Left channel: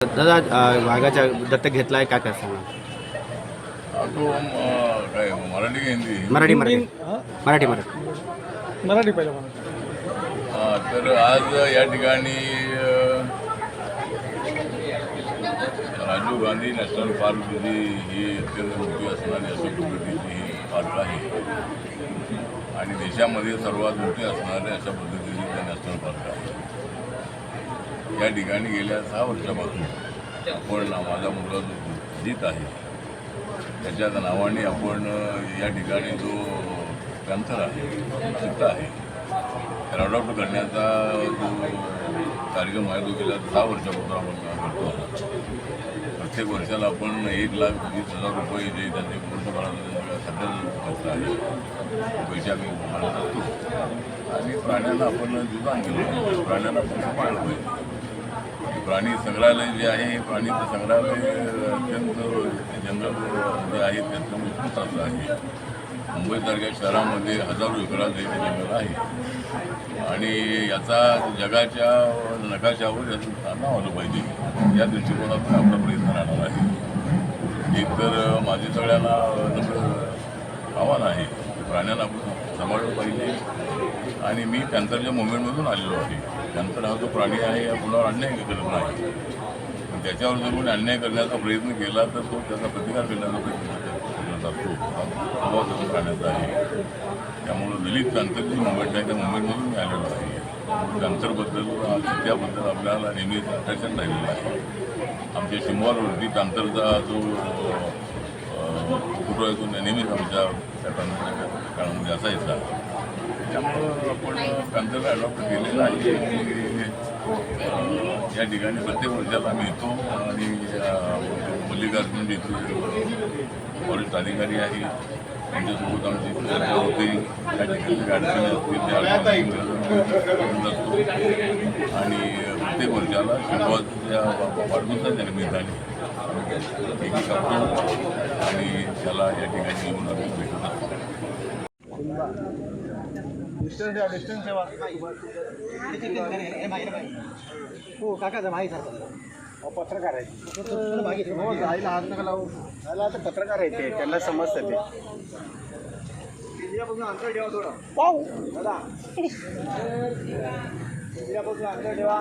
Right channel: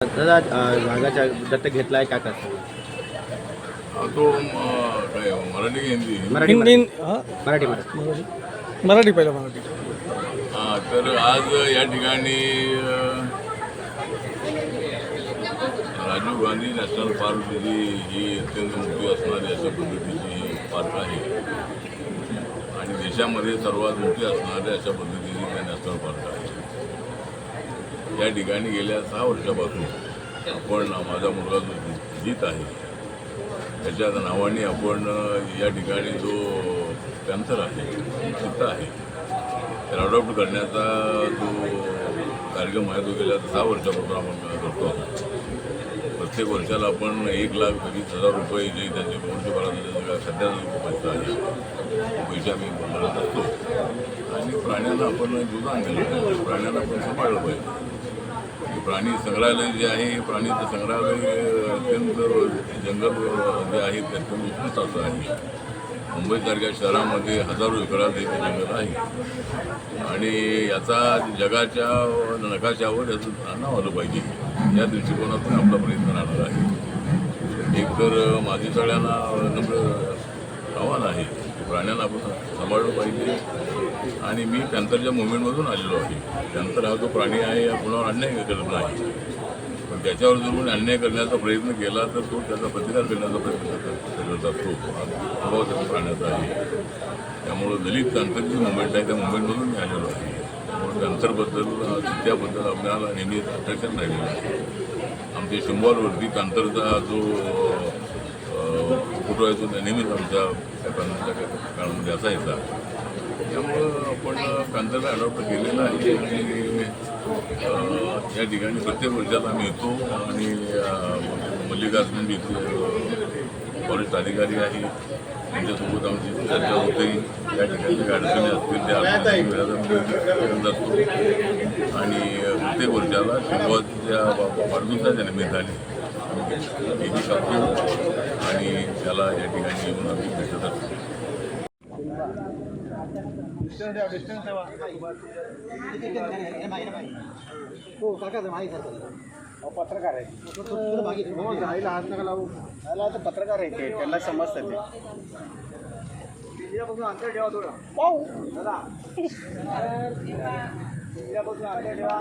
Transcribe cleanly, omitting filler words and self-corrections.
दादा वाघाच्या दत्तक घेतलाय काय काय सांगा? तो काय मराठी की हिंदी? मराठी हिंदी मराठी मराठी पहिलं मराठी. तर आज या ठिकाणी राजीव गांधी नॅशनल पार्क ही अत्यंत मोठी असणारी अशा पद्धतीची ही पार्क आहे आणि देशामध्ये सर्वात मोठी असणाऱ्या अशा पद्धतीची त्या नॅशनल पार्क आहे. या ठिकाणी गेल्या 6 वर्षापासून आपण माझा मुलगा जो जीत आहे त्याच्या नावाने आपण या ठिकाणी जो पॅन्थर आहे चित्ता आहे त्याला अडॉप्ट करण्याचा जो कार्यक्रम आहे तो गेल्या 6 वर्षापासून आपण करतो. प्रत्येक वर्षाला आपण 1,20,000 रुपये जे त्याचे वर्षभराचा सध्याचा पैसा आहे तो पैसे आम्ही भरत असतो आणि प्राण्यांना आपण जुदान दिलं पाहिजे, प्राण्यांना आपण सांभाळलं पाहिजे. प्राणी संग्रहालय जे आहे हे प्राणीचं संग्रहालय अत्यंत जंगल जे आहे ते अत्यंत उत्कृष्टाचं आहे. मुंबईसारख्या शहरामध्ये हजारो एकरात हे जंगल आहे आणि याचा जगाच्या नकाशावर याचं नाव आलं पाहिजे या दृष्टिकोनातून आपला प्रयत्न राहणार आहे. एकतर माझे सगळ्यांना नम्र आव्हान आहे की प्राण्यांना आपण सांभाळलं पाहिजे आणि मी पॅन्थरच्या मुवमेंटमधून आलेलो आहे. पॅन्थर हा जो प्राणी आहे या कुणावर अन्याय करत नाही, पण त्याच्यावर जर कोणी अन्याय करण्याचा प्रयत्न केला तर तो त्याचा प्रतिकार करण्याचा प्रयत्न करत असतो. हा स्वभाव त्या प्राण्याचा आहे. त्यामुळं दलित पॅन्थरची मुवमेंट आहे त्या मुवमेंटमधून मी आलेलो आहे. त्यामुळे पॅन्थरबद्दल चित्त्याबद्दल आपल्याला नेहमीच अट्रॅक्शन राहिलेलं आहे. आमच्या शिंबॉलवरती पॅन्थरचा जो फोटो आहे तो नेहमीच आमच्या त्या पॅन्थरच्या काळामध्ये असायचा. त्यामुळं आपण पॅन्थरला अडॉप्ट केलेलं आहे आणि या ठिकाणी प्रत्येक वर्षाला आम्ही येतो आणि मल्लिकार्जुन जे इथे फॉरेस्ट अधिकारी आहे त्यांच्यासोबत आमची चर्चा होते. या ठिकाणी काही अडचणी असतील त्या करत असतो आणि प्रत्येक वर्षाला शिंगोच्या वाढदिवसाच्या निमित्ताने आम्ही केक कापतो आणि त्याला या ठिकाणी येऊन आम्ही भेटत असतो. हो काका माहीत पत्रकार आहे राहायला हात नका लावू राहायला आता पत्रकार आहे ते त्यांना समजतं ते अंतर ठेवा थोडं अंतर ठेवा.